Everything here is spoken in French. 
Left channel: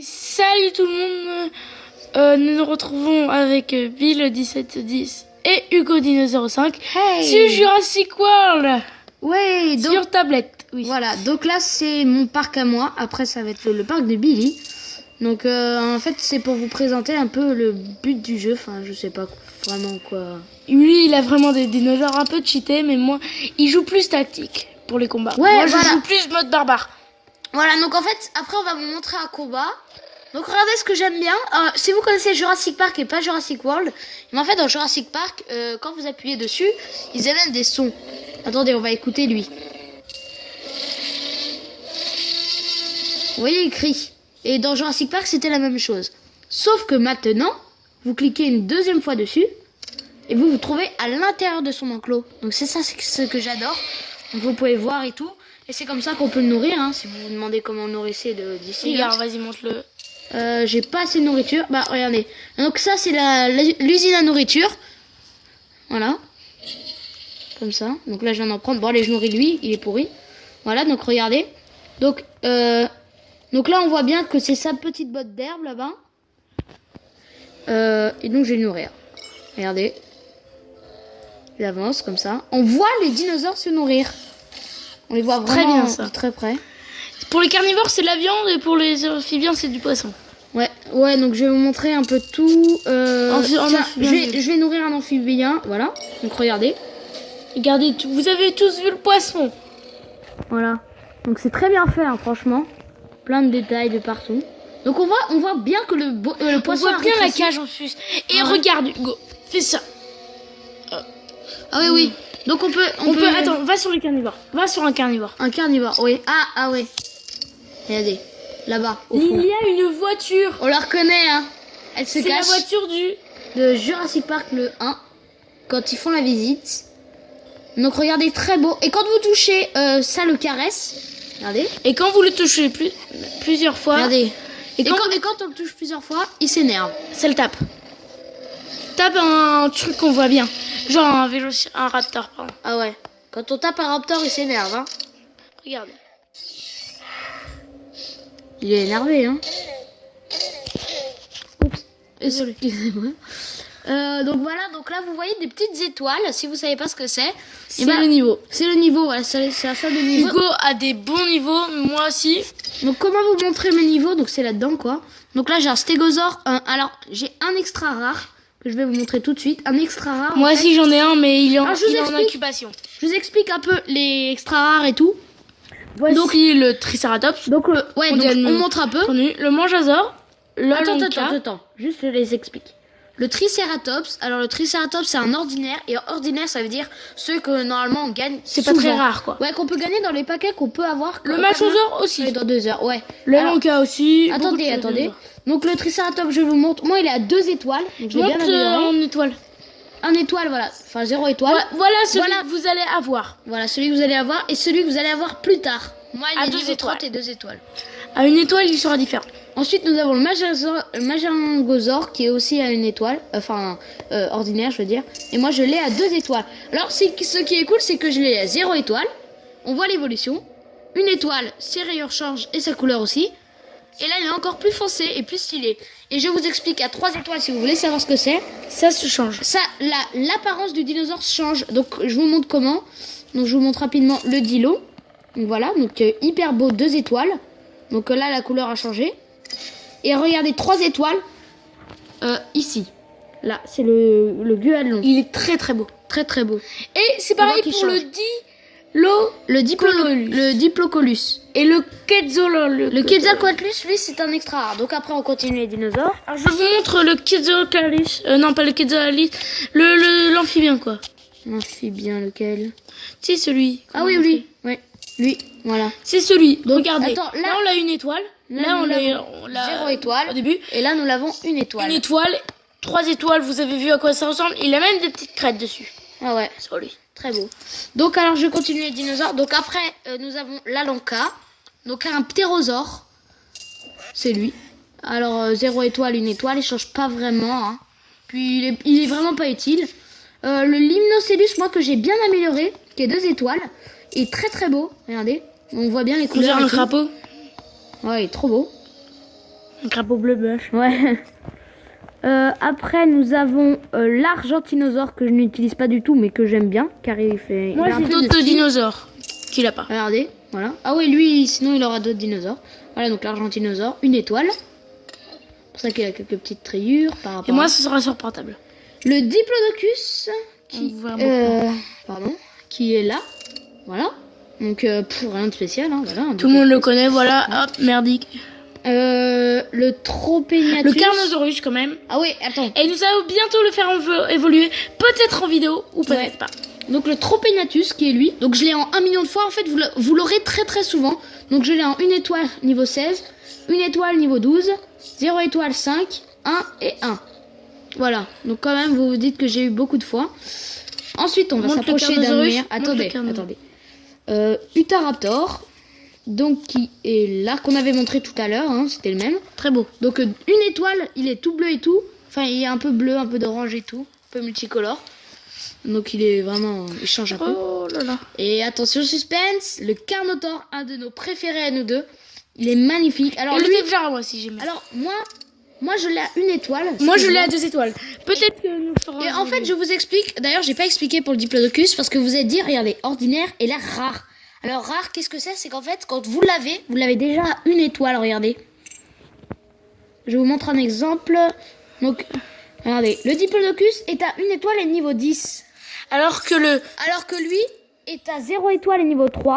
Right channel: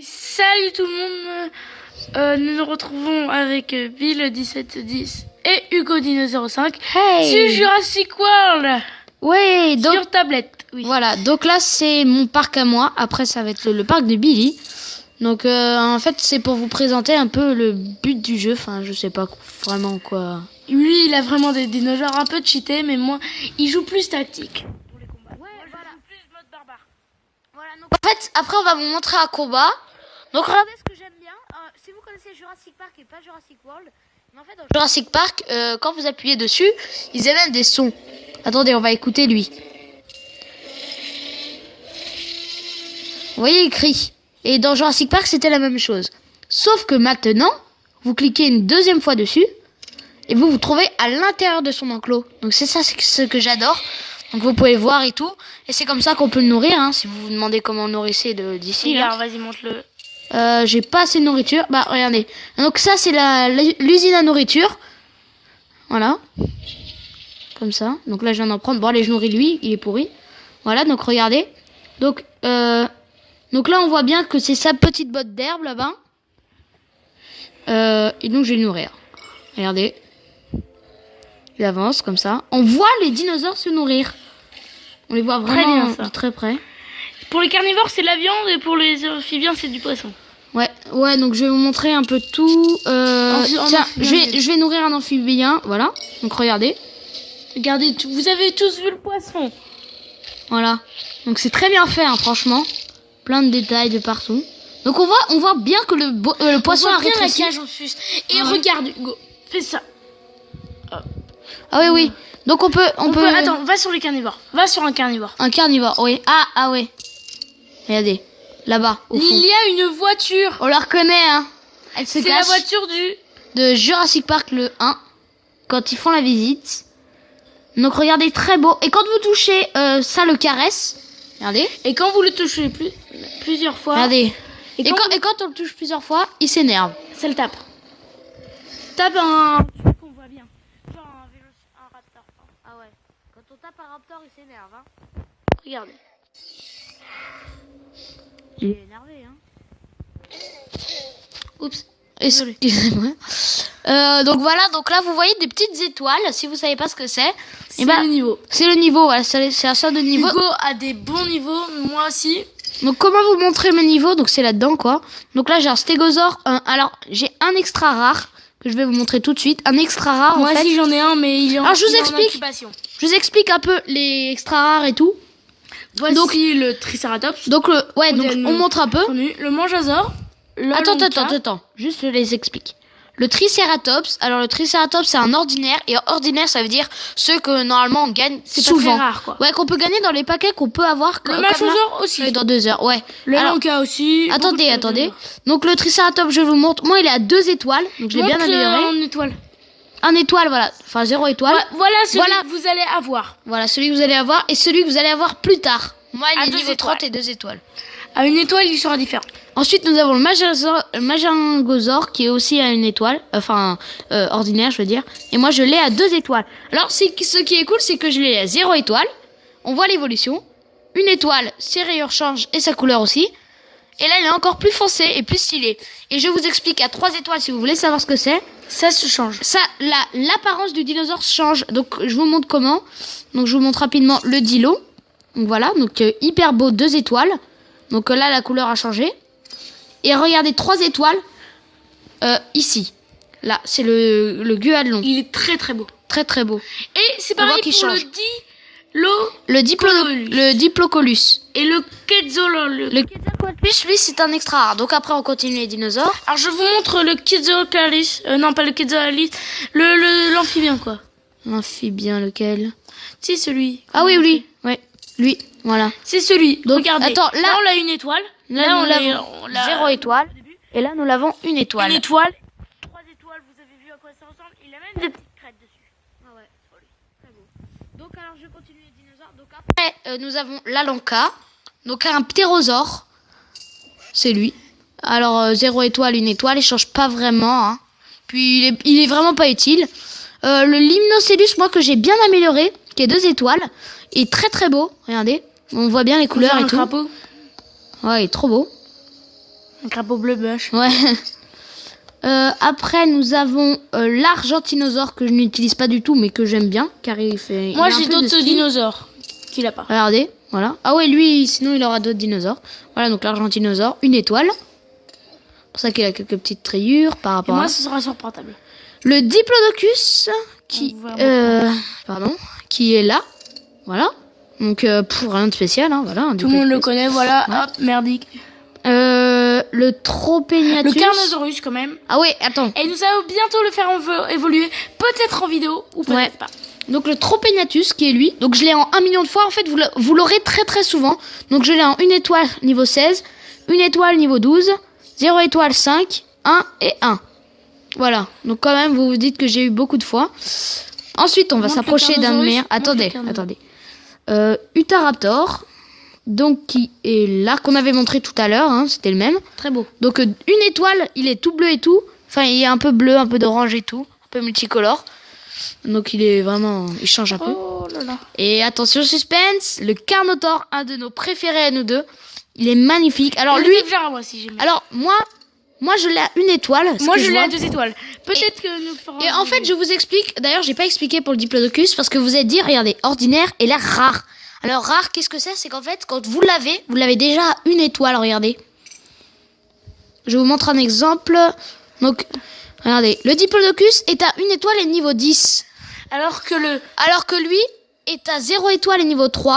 Salut tout le monde, nous nous retrouvons avec Bill1710 et HugoDino05 sur Jurassic World. Ouais, donc, sur tablette. Oui. Voilà, donc là c'est mon parc à moi. Après ça va être le parc de Billy. Donc en fait c'est pour vous présenter un peu le but du jeu. Enfin je sais pas vraiment quoi. Lui il a vraiment des dinosaures un peu cheatés, mais moi il joue plus tactique pour les combats. Ouais, moi je voilà. joue plus mode barbare. Voilà, donc en fait après on va vous montrer un combat. Donc regardez ce que j'aime bien. Si vous connaissez Jurassic Park et pas Jurassic World, mais en fait dans Jurassic Park, quand vous appuyez dessus, ils émettent des sons. Attendez, on va écouter lui. Vous voyez, il crie. Et dans Jurassic Park, c'était la même chose. Sauf que maintenant, vous cliquez une deuxième fois dessus et vous vous trouvez à l'intérieur de son enclos. Donc c'est ça ce que j'adore. Donc vous pouvez voir et tout. Et c'est comme ça qu'on peut le nourrir. Hein, si vous vous demandez comment nourrir d'ici. Regarde, vas-y, montre-le. J'ai pas assez de nourriture. Bah regardez. Donc ça c'est l'usine à nourriture. Voilà. Comme ça. Donc là je viens d'en prendre. Bon allez, je nourris lui, il est pourri. Voilà, donc regardez. Donc là on voit bien que c'est sa petite botte d'herbe là-bas. Et donc je vais le nourrir. Regardez. Il avance comme ça. On voit les dinosaures se nourrir. On les voit vraiment très bien, ça. De très près. Pour les carnivores c'est de la viande et pour les amphibiens c'est du poisson. Ouais, donc je vais vous montrer un peu tout. Tiens, je vais nourrir un amphibien, voilà. Donc regardez. Regardez, vous avez tous vu le poisson. Voilà. Donc c'est très bien fait, hein, franchement. Plein de détails de partout. Donc on voit bien que le poisson on voit bien rétréci. la cage en plus. Et regarde Hugo, fais ça. Ah oui. Donc on peut... Attends, va sur les carnivores. Va sur un carnivore. Un carnivore, oui. Ah ouais. Regardez. Là-bas. Il y a une voiture. On la reconnaît, hein. C'est la voiture de Jurassic Park le 1. Quand ils font la visite. Donc regardez, très beau. Et quand vous touchez, ça le caresse. Regardez. Et quand vous le touchez plusieurs fois. Regardez. Et quand on le touche plusieurs fois, il s'énerve. Ça le tape. Tape un truc qu'on voit bien. Genre un raptor, pardon. Ah ouais. Quand on tape un raptor, il s'énerve, hein. Regardez. Il est énervé, hein. Oups. Excusez-moi. Donc voilà, donc là vous voyez des petites étoiles. Si vous savez pas ce que c'est, c'est le niveau. C'est le niveau, voilà, c'est un sort de niveau. Hugo a des bons niveaux, moi aussi. Donc comment vous montrer mes niveaux? Donc c'est là-dedans quoi. Donc là j'ai un stégosaure. Alors j'ai un extra rare que je vais vous montrer tout de suite. Un extra rare. Moi aussi j'en ai un, mais il est en incubation. Je vous explique un peu les extra rares et tout. Voici donc le Triceratops. Donc on montre un peu. Le Mangasaur. Attends. Juste je les explique. Le Triceratops, alors le Triceratops c'est un ordinaire, et ordinaire ça veut dire ceux que normalement on gagne. C'est pas très rare quoi. Ouais, qu'on peut gagner dans les paquets qu'on peut avoir. Le Machosaure aussi. Dans 2 heures, ouais. Le Lonka aussi. Attendez. Donc le Triceratops je vous montre. Moi il est à 2 étoiles, donc j'ai bien amélioré. En étoile. Un étoile, voilà. Enfin 0 étoile. Ouais, voilà celui que vous allez avoir. Voilà celui que vous allez avoir et celui que vous allez avoir plus tard. Moi il est 2 étoiles. 30 et 2 étoiles. À 1 étoile il sera différent. Ensuite, nous avons le Majangosor qui est aussi à 1 étoile, enfin ordinaire, je veux dire. Et moi, je l'ai à 2 étoiles. Alors, ce qui est cool, c'est que je l'ai à 0 étoile. On voit l'évolution. 1 étoile, ses rayures changent et sa couleur aussi. Et là, il est encore plus foncé et plus stylé. Et je vous explique à 3 étoiles si vous voulez savoir ce que c'est. Ça se change. Ça, l'apparence du dinosaure change. Donc, je vous montre comment. Donc, je vous montre rapidement le dilo. Donc voilà, donc hyper beau, 2 étoiles. Donc là, la couleur a changé. Et regardez, 3 étoiles ici. Là, c'est le Guadlon. Il est très très beau. Très très beau. Et c'est pareil pour le Diplocolus. Et le Quetzalcoatlus. Le Quetzalcoatlus, lui, c'est un extra rare. Donc après, on continue les dinosaures. Alors je vous montre le Quetzalcoatlus. Non, pas le Quetzalcoatlus. L'amphibien, quoi. L'amphibien, lequel? C'est celui. Ah oui, lui. Ouais. Lui, voilà. C'est celui. Donc, regardez. Attends, là, on a 1 étoile. Là, on l'a 0 étoile au début. Et là, nous l'avons 1 étoile. 1 étoile, 3 étoiles. Vous avez vu à quoi ça ressemble. Il a même des petites crêtes dessus. Ah ouais. Sur lui. Très beau. Donc alors, je continue les dinosaures. Donc après, nous avons la Lanka. Donc un ptérosaure. C'est lui. Alors 0 étoile, 1 étoile. Il change pas vraiment. Hein. Puis il est vraiment pas utile. Le Limnocellus, moi que j'ai bien amélioré, qui est 2 étoiles. Est très très beau. Regardez. On voit bien les couleurs. Un crapaud. Ouais, il est trop beau. Un crapaud bleu bush. Ouais. Après, nous avons l'argentinosaure que je n'utilise pas du tout, mais que j'aime bien, car il fait... Moi, il a un j'ai peu de d'autres style. dinosaures qu'il a pas. Regardez, voilà. Ah ouais, lui, sinon, il aura d'autres dinosaures. Voilà, donc l'argentinosaure, une étoile. C'est pour ça qu'il a quelques petites rayures par Et rapport moi, à... ce sera sur portable. Le diplodocus, qui... On voit beaucoup. pardon, qui est là. Voilà. Donc, pour rien de spécial, hein, voilà. un Tout le monde le diplodocus. connaît, voilà. Hop, merdique. Le Tropéniatus. Le Carnosaurus, quand même. Ah ouais, attends. Et nous allons bientôt le faire évoluer. Peut-être en vidéo ou peut-être Ouais. pas. Donc le Tropéniatus qui est lui. Donc je l'ai en 1 million de fois. En fait, vous l'aurez très très souvent. Donc je l'ai en 1 étoile niveau 16, 1 étoile niveau 12, 0 étoile 5, 1 et 1. Voilà. Donc quand même, vous vous dites que j'ai eu beaucoup de fois. Ensuite, on va Montre le s'approcher d'un Carnosaurus. mer. Montre le Attendez, Carnosaurus. attendez. Utahraptor. Donc qui est là, qu'on avait montré tout à l'heure. Hein, c'était le même. Très beau. Donc une étoile, il est tout bleu et tout. Enfin, il est un peu bleu, un peu d'orange et tout. Un peu multicolore. Donc il est vraiment... Il change un peu. Oh là là. Et attention, suspense, le Carnotaure, un de nos préférés à nous deux. Il est magnifique. Alors Et lui... le Tepjar, moi aussi, j'aime bien. Alors moi je l'ai à 1 étoile. Moi, je l'ai excuse-moi. à 2 étoiles. Peut-être que nous ferons... Et en fait, je vous explique. D'ailleurs, j'ai pas expliqué pour le Diplodocus parce que vous avez dit, regardez, ordinaire et là rare. Alors rare, qu'est-ce que c'est? C'est qu'en fait, quand vous l'avez déjà à 1 étoile. Regardez. Je vous montre un exemple. Donc, regardez, le Diplodocus est à 1 étoile et niveau 10. Alors que Alors que lui est à 0 étoile et niveau 3.